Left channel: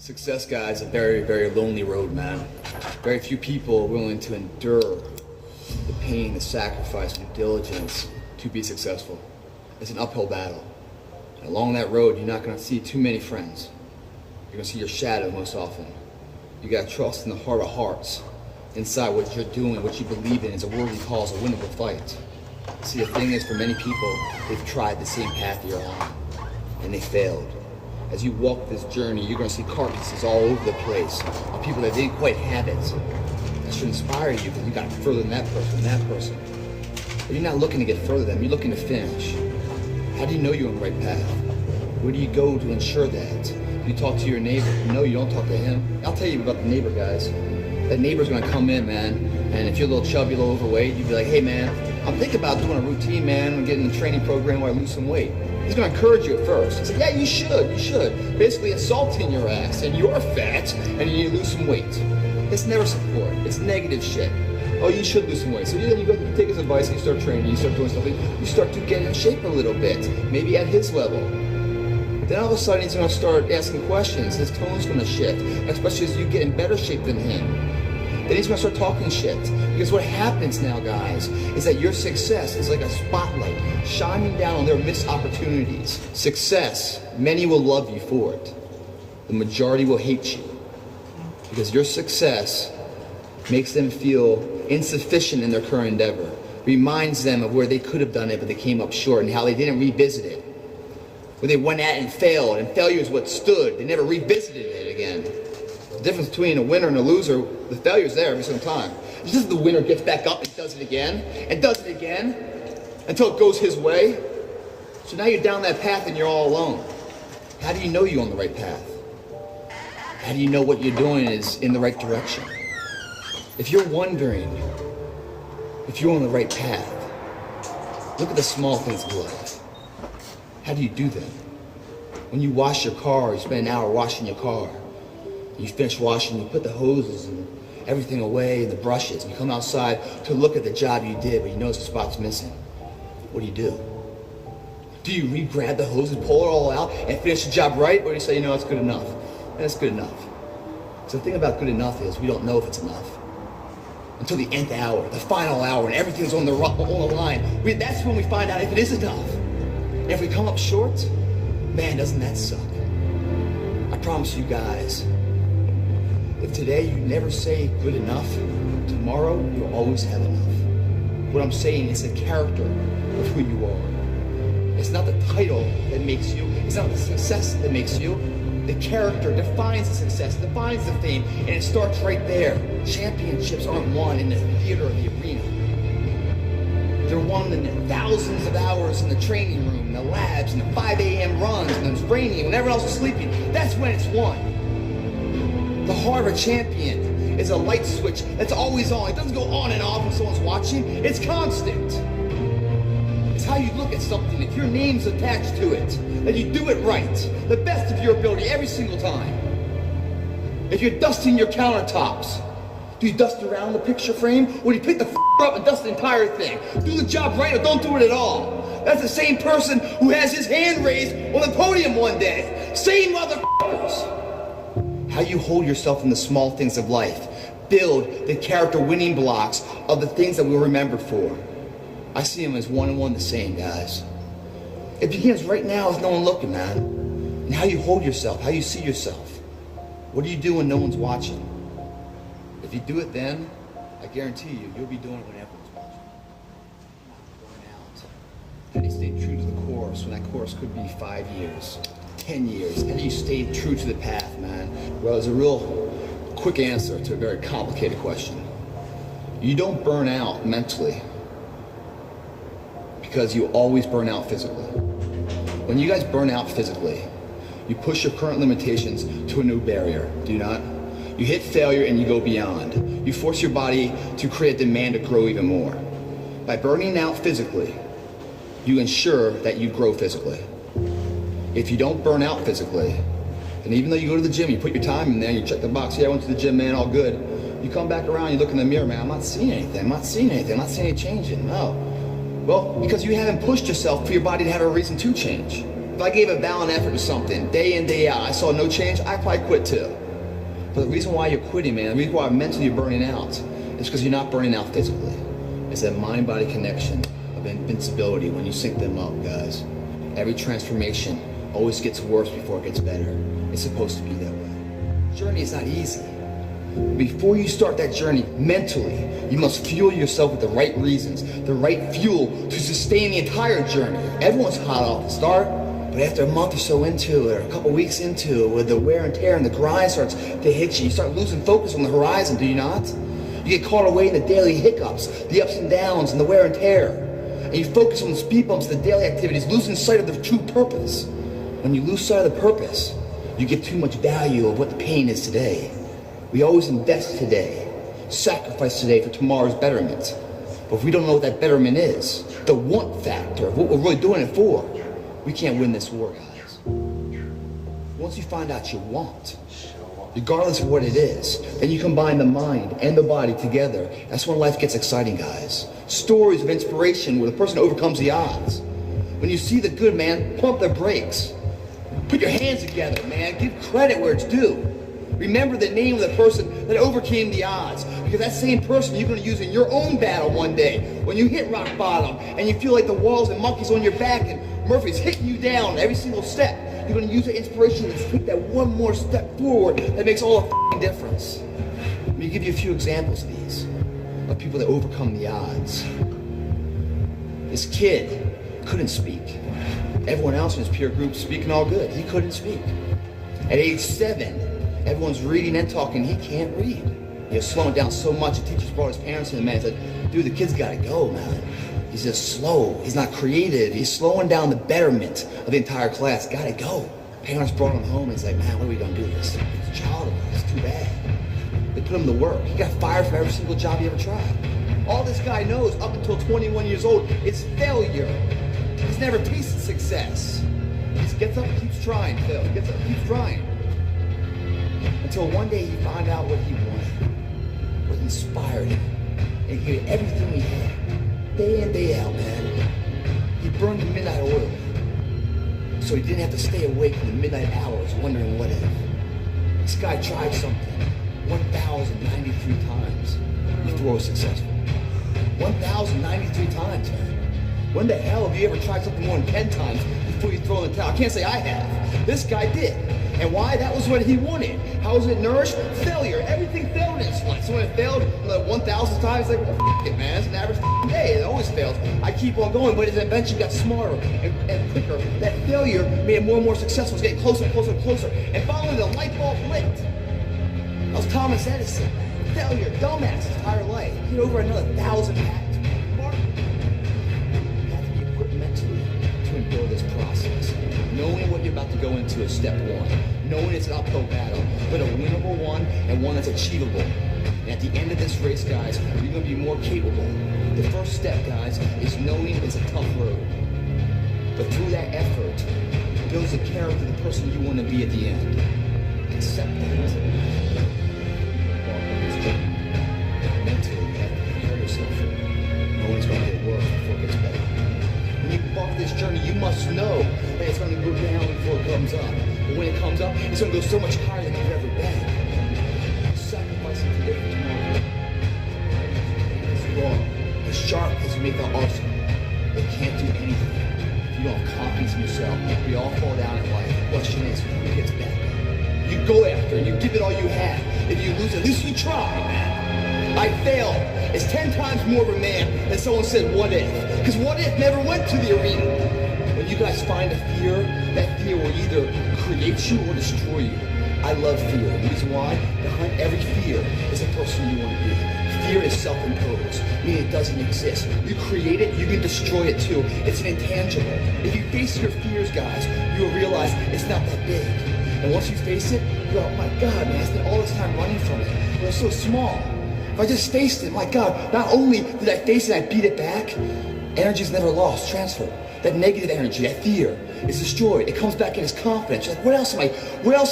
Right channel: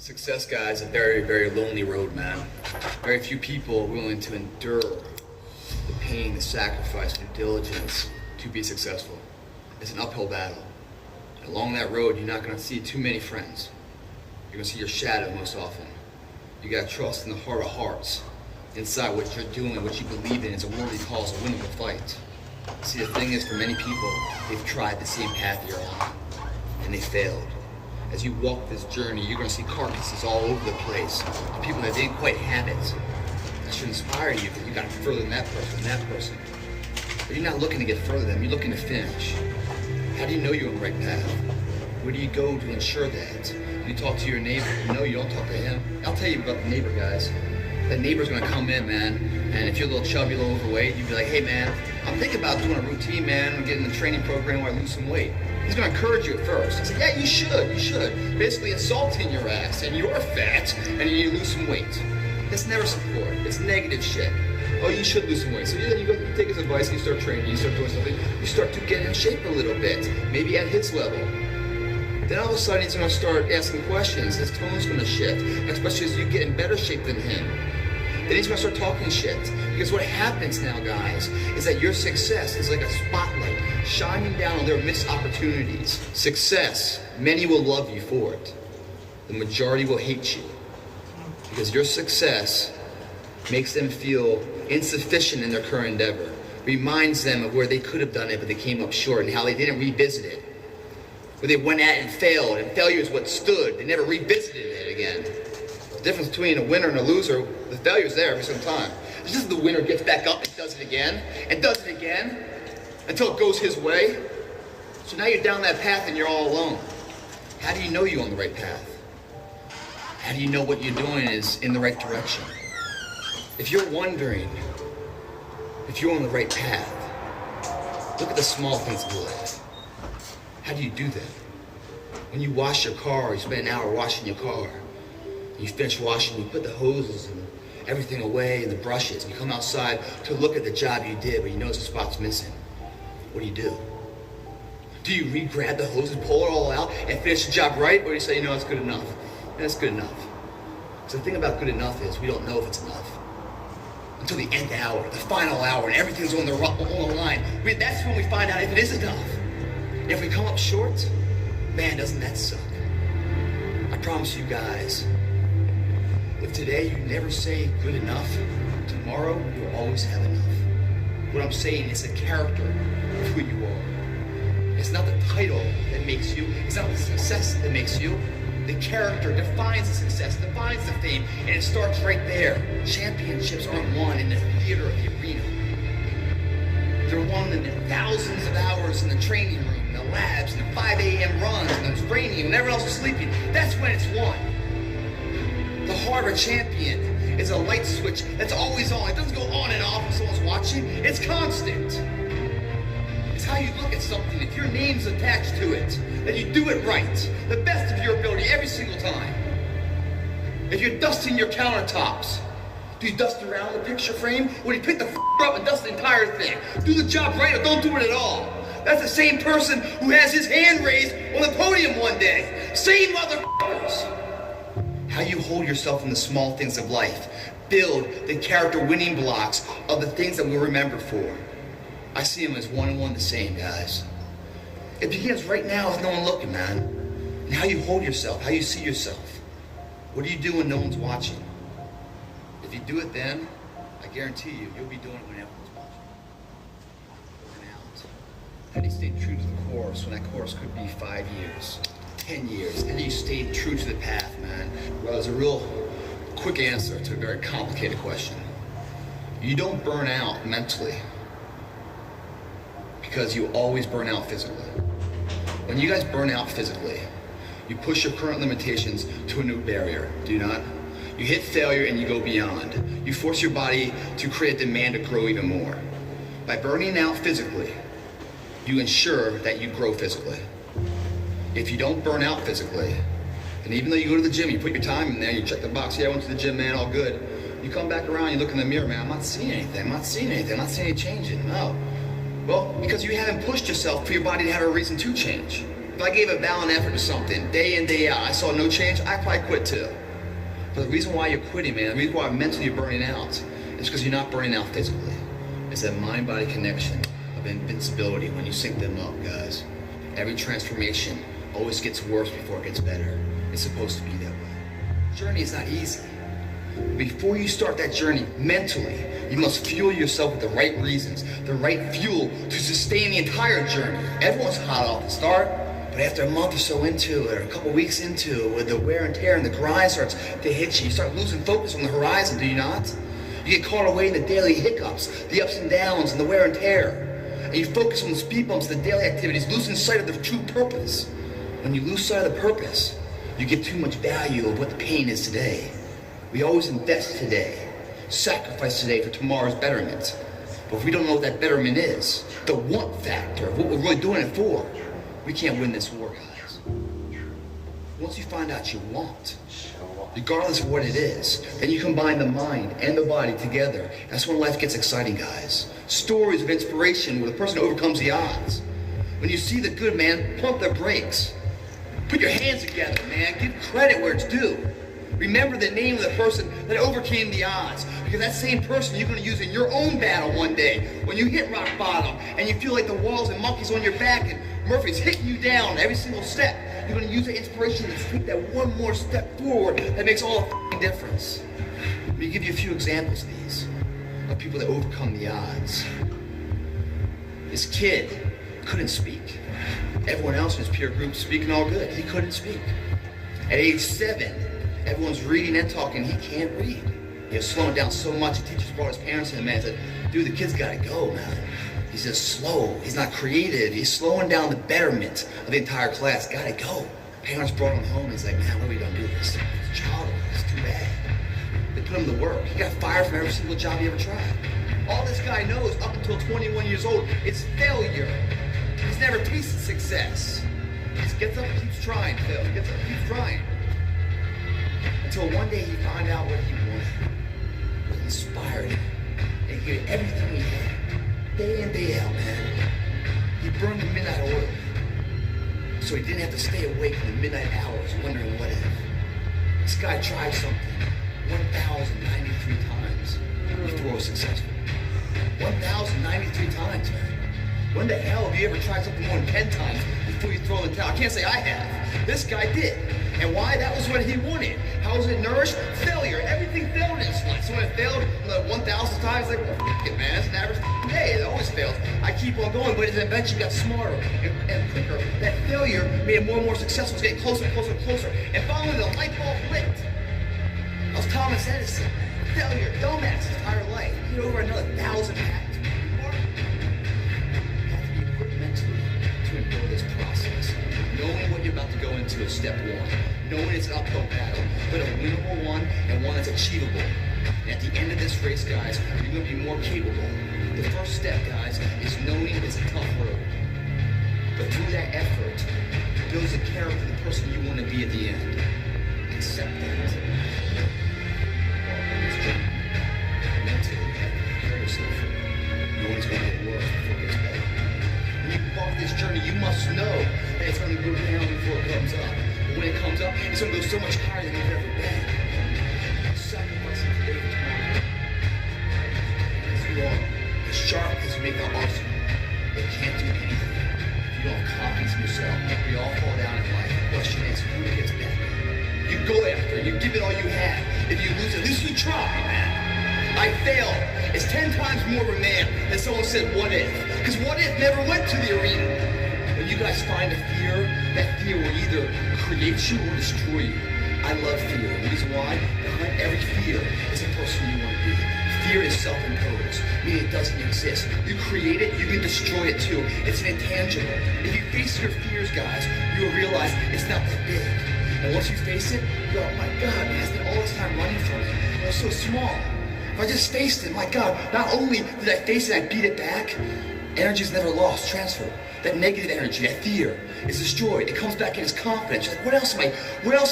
Success, guys, is a very, very lonely road, man. Very few people are willing to endure the pain, the sacrifice, and the diligence to be successful. It's an uphill battle. And along that road, you're not going to see too many friends. You're going to see your shadow most often. You got to trust in the heart of hearts. Inside what you're doing, what you believe in, is a worthy cause, a winnable fight. See, the thing is, for many people, they've tried the same path you're on, and they failed. As you walk this journey, you're going to see carcasses all over the place of people that didn't quite have it. That should inspire you that you got further than that person. But you're not looking to get further than them, you're looking to finish. How do you know you're on the right path? Where do you go to ensure that? You talk to your neighbor. No, you don't talk to him. I'll tell you about the neighbor, guys. That neighbor's going to come in, man, and if you're a little chubby, a little overweight, you'd be like, hey, man, I'm thinking about doing a routine, man, and getting in a training program where I lose some weight. He's going to encourage you at first. He's like, yeah, you should. Basically insulting your ass, and you're fat, and you need to lose some weight. That's never support. It's negative shit. Oh, you should lose some weight. So then you go take his advice, and you start training, you start doing something, you start to get in shape a little bit, maybe at his level. Then all of a sudden he's going to start asking questions. His tone's going to shift, especially as you get in better shape than him. Then he's going to start talking shit. Because what happens now, guys, is that your success is like a spotlight shining down on their missed opportunities. Success, many will love you for it. The majority will hate you. Because your success makes them feel insufficient in their current endeavor. Reminds them of where they could have done it, but they came up short, and how they didn't revisit it. Where they went at it and failed, and failure is what stood. They never revisited it again. The difference between a winner and a loser, the failure's there every single time. It's just the winner gets back up and does it again, until it goes his way. So now you're down that path and you're all alone. How do you know you're on the right path? How do you know what you're doing is in the right direction? If you're wondering if you're on the right path, look at the small things of life. How do you do that? When you wash your car, you spend an hour washing your car. You finish washing, you put the hoses and everything away and the brushes. You come outside to look at the job you did, but you notice the spot's missing. What do? Do you re-grab the hoses, pull it all out, and finish the job right? Or do you say, it's good enough? And it's good enough. So the thing about good enough is we don't know if it's enough. Until the nth hour, the final hour, and everything's on the line. That's when we find out if it is enough. And if we come up short, man, doesn't that suck? I promise you guys, if today you never say good enough, tomorrow you'll always have enough. What I'm saying is the character of who you are. It's not the title that makes you, it's not the success that makes you. The character defines the success, defines the fame, and it starts right there. Championships aren't won in the theater or the arena. They're won in the thousands of hours in the training room, in the labs, in the 5 a.m. runs, and the training, when everyone else is sleeping. That's when it's won. The heart of a champion is a light switch that's always on. It doesn't go on and off when someone's watching. It's constant. It's how you look at something. If your name's attached to it, that you do it right, the best of your ability every single time. If you're dusting your countertops, do you dust around the picture frame, or do you pick the up and dust the entire thing? Do the job right or don't do it at all. That's the same person who has his hand raised on the podium one day. Same motherfuckers. How you hold yourself in the small things of life. Build the character winning blocks of the things that we're remembered for. I see them as one and one the same, guys. It begins right now with no one looking, man. And how you hold yourself, how you see yourself. What do you do when no one's watching? If you do it then, I guarantee you'll be doing it when everyone's watching. Burn out. How do you stay true to the course when that course could be 5 years? 10 years. How do you stay true to the path, man? Well, there's a real quick answer to a very complicated question. You don't burn out mentally because you always burn out physically. When you guys burn out physically, you push your current limitations to a new barrier, do you not? You hit failure and you go beyond. You force your body to create a demand to grow even more. By burning out physically, you ensure that you grow physically. If you don't burn out physically, and even though you go to the gym, you put your time in there, you check the box, yeah, I went to the gym, man, all good. You come back around, you look in the mirror, man, I'm not seeing anything, I'm not seeing any change. No. Well, because you haven't pushed yourself for your body to have a reason to change. If I gave a valiant effort to something, day in, day out, I saw no change, I'd probably quit too. But the reason why you're quitting, man, the reason why mentally you're burning out, is because you're not burning out physically. It's that mind-body connection of invincibility when you sync them up, guys. Every transformation always gets worse before it gets better. It's supposed to be that way. Journey is not easy. Before you start that journey mentally, you must fuel yourself with the right reasons, the right fuel to sustain the entire journey. Everyone's hot off the start, but after a month or so into it, or a couple weeks into it, where the wear and tear and the grind starts to hit you, you start losing focus on the horizon, do you not? You get caught away in the daily hiccups, the ups and downs, and the wear and tear. And you focus on the speed bumps, the daily activities, losing sight of the true purpose. When you lose sight of the purpose, you get too much value of what the pain is today. We always invest today, sacrifice today for tomorrow's betterment. But if we don't know what that betterment is, the want factor of what we're really doing it for, we can't win this war, guys. Once you find out you want, regardless of what it is, then you combine the mind and the body together. That's when life gets exciting, guys. Stories of inspiration where the person overcomes the odds. When you see the good, man, pump the brakes. Put your hands together, man. Give credit where it's due. Remember the name of the person that overcame the odds, because that same person you're going to use in your own battle one day when you hit rock bottom and you feel like the walls and monkeys on your back and Murphy's hitting you down every single step. You're going to use the inspiration to take that one more step forward that makes all the difference. Let me give you a few examples of these, of people that overcome the odds. This kid couldn't speak. Everyone else in his peer group speaking all good. He couldn't speak. At age 7, everyone's reading and talking. He can't read. You're slowing down so much. He teaches brought his parents in, man. He said, dude, the kid's got to go, man. He's just slow. He's not creative. He's slowing down the betterment of the entire class. Got to go. Parents brought him home. He's like, man, when are we going to do this? It's childish. It's too bad. They put him to work. He got fired from every single job he ever tried. All this guy knows up until 21 years old is failure. He's never tasted success. He just gets up and keeps trying, Phil. He gets up and keeps trying. Until one day he found out what he wanted, what inspired him, and he did everything he had, day in, day out, man. He burned the midnight oil, so he didn't have to stay awake in the midnight hours wondering what if. This guy tried something 1,093 times before it was successful. 1,093 times, man. When the hell have you ever tried something more than 10 times before you throw in the towel? I can't say I have. This guy did. And why? That was what he wanted. How was it nourished? Failure. Everything failed in his life. So when it failed 1,000 times, like, well, f it, man. It's an average day. It always fails. I keep on going, but it eventually got smarter and quicker. That failure made it more and more successful. It's getting closer and closer and closer. And finally, the light bulb lit. That was Thomas Edison. Failure. Dumbass his entire life. He had over another 1,000 patents. To endure this process. Knowing what you're about to go into is step one. Knowing it's an uphill battle, but a winnable one and one that's achievable. And at the end of this race, guys, you're going to be more capable. The first step, guys, is knowing it's a tough road. But through that effort, builds the character of the person you want to be at the end. Accept that. Mentally, you have to prepare yourself. Knowing it's going to get worse before it gets better. When you embark this journey, you must know that it's going to go down before it comes up. But when it comes up, it's going to go so much higher than you've ever been. Sacrificing today for tomorrow. As you are, as sharp as you make that arsenal, they can't do anything if you don't have confidence in yourself. We all fall down in life. The question is, who gets back? You go after it. You give it all you have. If you lose, at least you try, man. I failed. It's 10 times more of a man than someone said, what if? Because what if never went to the arena? When you guys find a fear, that fear will either create you or destroy you. I love fear. The reason why? Behind every fear is the person you want to be. Fear is self-imposed, meaning it doesn't exist. You create it, you can destroy it too. It's an intangible. If you face your fears, guys, you'll realize it's not that big. And once you face it, you go, oh my God, man, I spent all this time running from it. It was so small. If I just faced it, my God, not only did I face it, I beat it back, energy is never lost, transferred. That negative energy, that fear, is destroyed. It comes back in as confidence. You're like, what else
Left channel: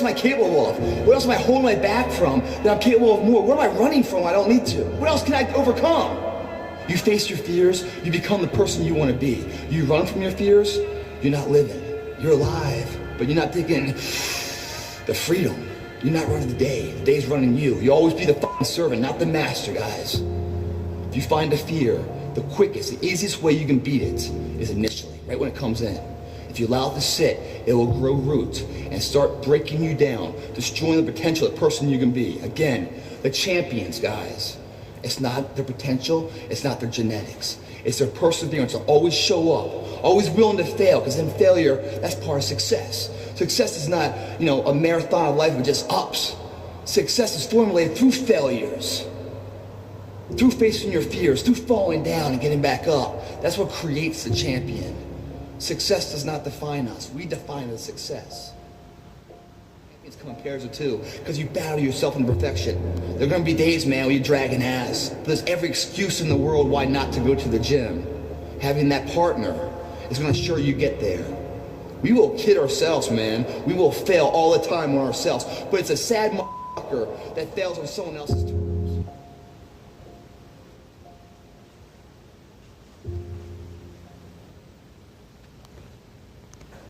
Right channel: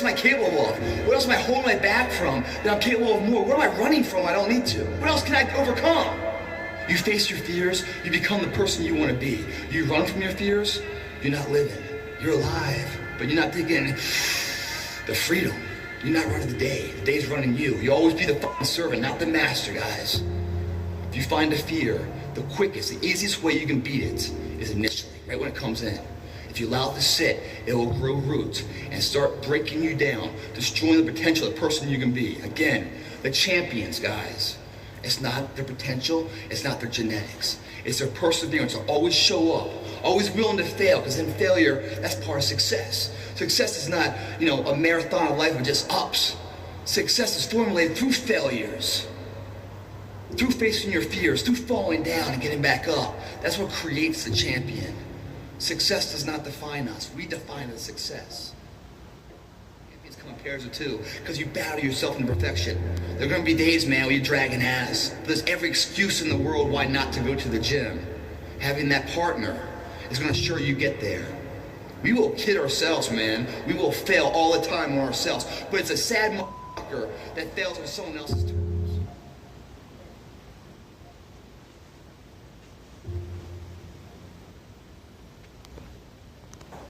am I capable of? What else am I holding my back from that I'm capable of more? What am I running from I don't need to? What else can I overcome? You face your fears, you become the person you want to be. You run from your fears, you're not living. You're alive, but you're not thinking the freedom. You're not running the day. The day's running you. You always be the fucking servant, not the master, guys. If you find the fear, the quickest, the easiest way you can beat it is initially, right when it comes in. If you allow it to sit, it will grow roots and start breaking you down, destroying the potential of the person you can be. Again, the champions, guys. It's not their potential, it's not their genetics. It's their perseverance to always show up, always willing to fail, because in failure, that's part of success. Success is not, a marathon of life with just ups. Success is formulated through failures, through facing your fears, through falling down and getting back up. That's what creates the champion. Success does not define us. We define the success. Champions come in pairs of two, because you battle yourself into perfection. There are going to be days, man, where you drag an ass. But there's every excuse in the world why not to go to the gym. Having that partner is going to ensure you get there. We will kid ourselves, man. We will fail all the time on ourselves. But it's a sad motherfucker that fails on someone else's